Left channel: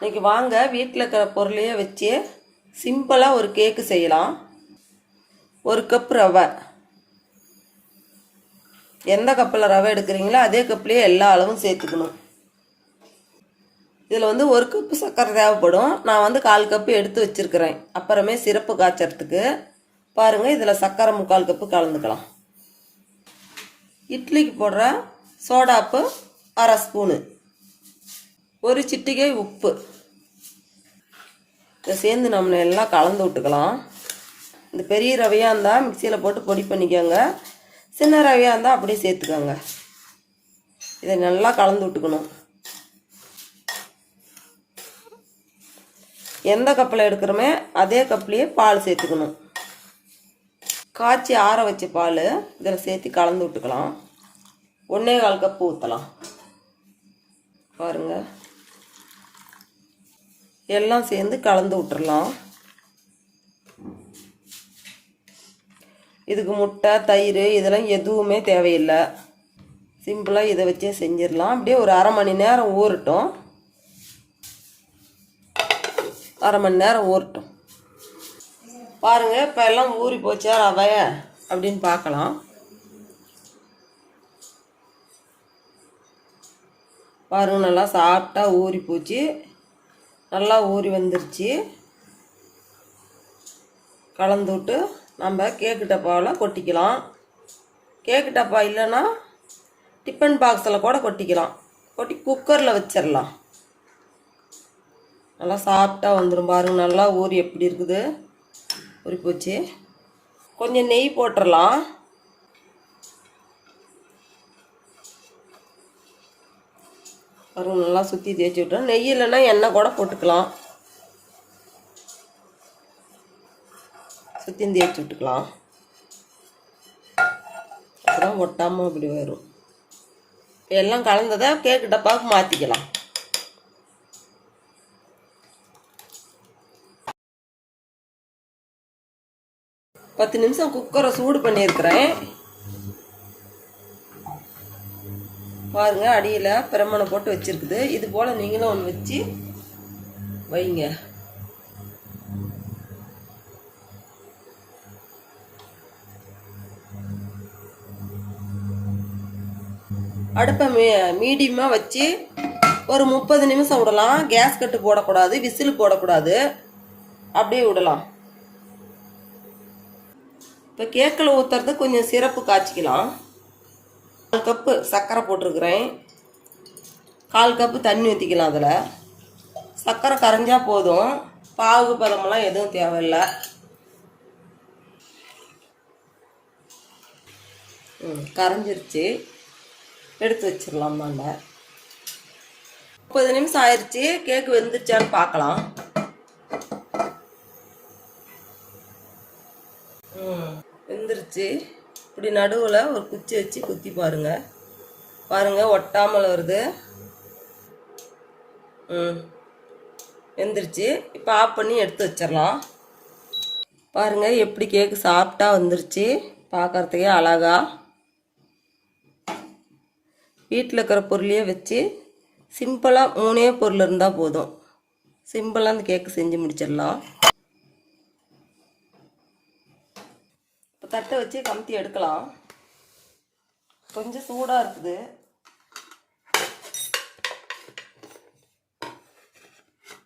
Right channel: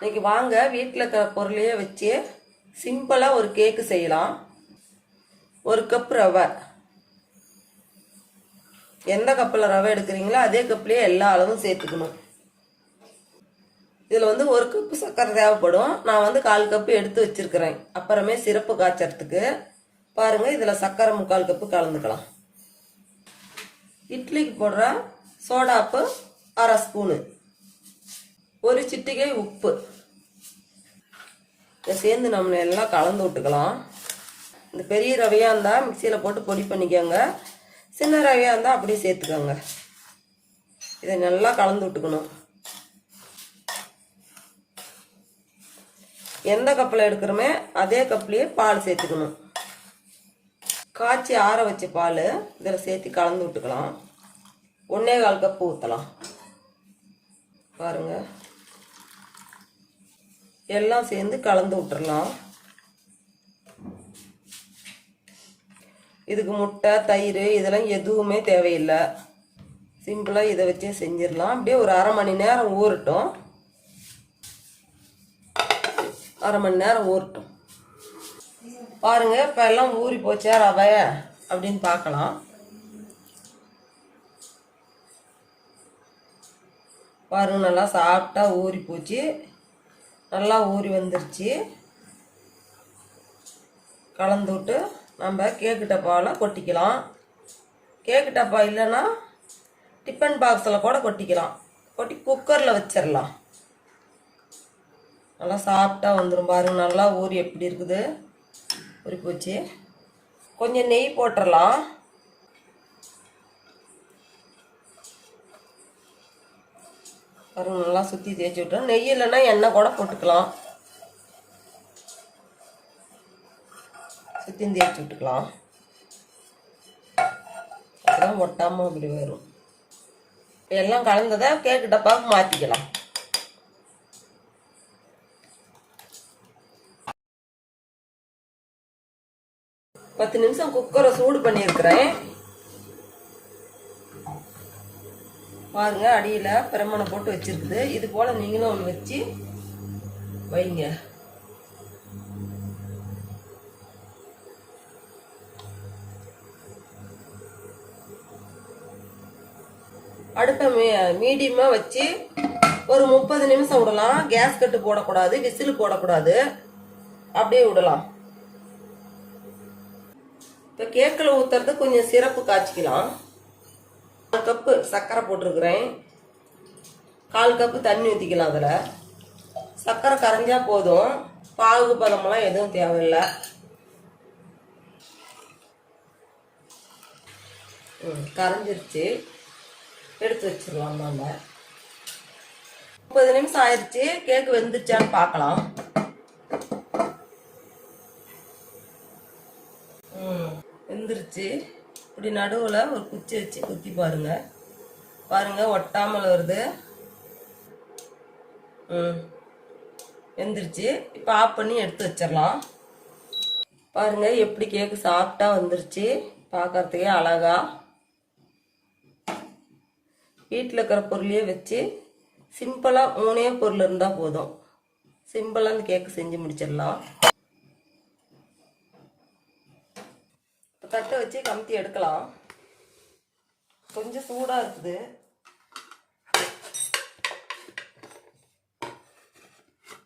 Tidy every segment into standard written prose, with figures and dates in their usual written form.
இன்னைக்கு வாங்க வீட்டில் இருக்கிற பொருளையே வச்சு சிம்பிளாக ஒரு கேக்கு செய்யலாம். ஒரு கப் ரவை, எந்த கப்பில் ரவை எடுக்கிறீங்களோ அதே கப்லேயே எல்லா அளவும் சேர்த்துக்கணும். இதில் ஒரு கப்பு சர்க்கரை தேவைப்படும். நான் 1/4 கப்பு எடுத்து வச்சுருக்கிறேன். அப்புறமே சிறப்பு காய்ச்சறதுக்கு பாருங்கள், இதில் சர்க்கரை 3/4 கப்பு கலந்துக்கலாம். இட்லிக்கு போடுற சோடாப்பு 1/2 ஸ்பூனு, ஒரு சிட்டிகை உப்பு. இதை சேர்ந்து நம்ம எல்லாம் கலந்து விட்டுக்கலாம். இந்த பெரிய ரவையாக இருந்தால் மிக்சியில் போட்டு பொடி பண்ணிக்கோங்க. சின்ன ரவையாக இருந்தால் அப்படியே சேர்த்துக்கோங்க. இதை நல்லா கலந்து விட்டுக்கணும். எந்த கப்பில் எடுக்கிறோமே அதே கப்லேயே பால் சேர்த்துக்கணும். காய்ச்சி ஆற வச்ச பால் இதில் சேர்த்து கலந்து விட்டுக்கலாம். 1/4 கப்பு ஊற்றலாம். பாருங்கள், எல்லாம் சேர்ந்து கலந்து விட்டுறலாம். இதுக்கு முட்டை, தயிர் இதெல்லாம் எதுவுமே தேவையில்லை. சிம்பிளாக இதை வச்சே செஞ்சிடலாம். அப்படியே ஒரு 1/2 மணி நேரம் ஊறட்டும். 1/2 மணி நேரம் ஊறட்டும். பாருங்கள், இப்போ எல்லாம் ஊறி போச்சா ரவை அப்படின்னு பார்க்கலாம். பாருங்கள், நல்லா சாஃப்டாக ஊறி போச்சு. நல்லா ஊறி வந்துருச்சு. கலந்து விட்டு நம்ம கேக்கு டப்பாவில் கொட்டிக்கலாம். கேக்கு டப்பா இல்லைன்னா டிஃபன் பாக்ஸில் கூட கொட்டிக்கலாம். கொட்டி குக்கரில் வச்சிடலாம். நல்லா சாஃப்டாக வந்துடும். பாருங்கள், நல்லா ஊறி எப்படி இருக்குது, ஊறி போச்சு. கொஞ்சம் நெய் போட்டுடலாம். பாருங்கள், நல்லா சுற்றி தேய்ச்சி விட்டோம். நெய் இல்லைன்னா எண்ணெய் கூட போட்டுக்கலாம். சுற்றி தேய்ச்சி விட்டுக்கலாம். அப்புறம் ஒட்டாமல் இப்படி வரும். எல்லாம் கலந்ததை கேக்கு டப்பாவுக்கு மாற்றிக்கலாம். பத்து நிமிஷம் குக்கரை சூடு பண்ணியிருக்கிறேன். பாருங்க, அடியில் பிரமனை போட்டு வச்சிருக்குது. இது போல் நீங்களும் ஒன்று வச்சு வைங்க. அடுப்பை மீடியமாக வச்சு ஒரு 30 நிமிஷம் விடலாம். கேஸ் கட்டு போடக்கூடாது, விசில் போடக்கூடாது, அப்படியே விடலாம். இப்போ கேக்கில் ஊற்றுறது கொஞ்சம் சிறப்பு காய்ச்சிக்கலாம். 1 கப்பு சர்க்கரை போட்டிருக்கிறேன். 1/4 கப்பு தண்ணி ஊற்றிக்கலாம். அதில் சர்க்கரை கரைஞ்சா போதும். பாகு பதமெல்லாம் எதுவும் தேவையில்லை. கரைஞ்சிருச்சு, எடுத்து வச்சிடலாம். நம்ம 30 நிமிஷம் ஆயிடுச்சு. கேக்கு வெந்துருச்சான்னு பார்க்கலாம். வெந்துருச்சு. இப்படி நடுவில் ஒரு குச்சி வச்சு குத்தி பாருங்க. பாருங்க, ஒட்டாமல் வருது. வெந்துருச்சு. இப்போ ஆஃப் பண்ணி எடுத்து வச்சிடலாம். பாருங்க, எப்படி கேக்கு சாஃப்டாக வந்துருச்சு. பார்க்கறதுக்கே அழகா. வீட்டில் இருக்கிற பொருளையே வச்சு சிம்பிளாக 3 பொருள் இருந்தால் போதும். சிம்பிளாக அந்த கேக்கு செஞ்சு முடிச்சிடலாம். தட்டை வச்சு கமுத்தி எடுக்கலாம். கொஞ்சம் சூடாக இருக்குது.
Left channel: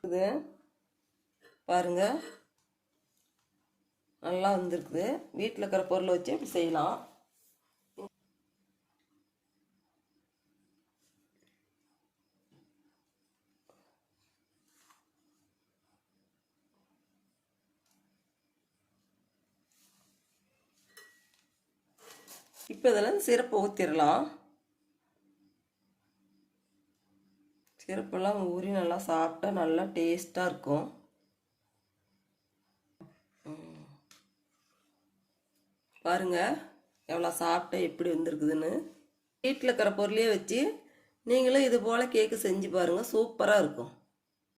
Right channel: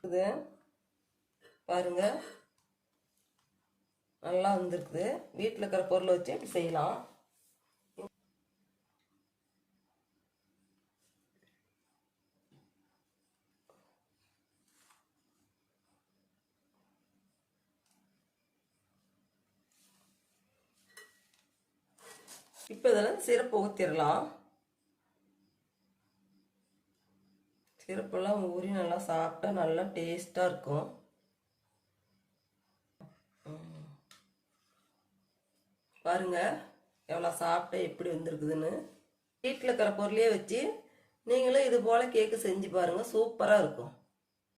இது பாருங்க, நல்லா வந்துருக்குது. வீட்டில் இருக்கிற பொருளை வச்சு இப்படி செய்யலாம். இப்போ இதில் சிரப்பு ஊற்றிடலாம். சிரப்பெல்லாம் ஊறி நல்லா சாப்பிட்டா நல்லா டேஸ்ட்டாக இருக்கும். பாருங்க, எவ்வளோ சாப்பிட்டா எப்படி வந்துருக்குதுன்னு. வீட்டில் இருக்கிற பொருளையே வச்சு நீங்களும் இது போல் கேக்கு செஞ்சு பாருங்கள். சூப்பராக இருக்கும்.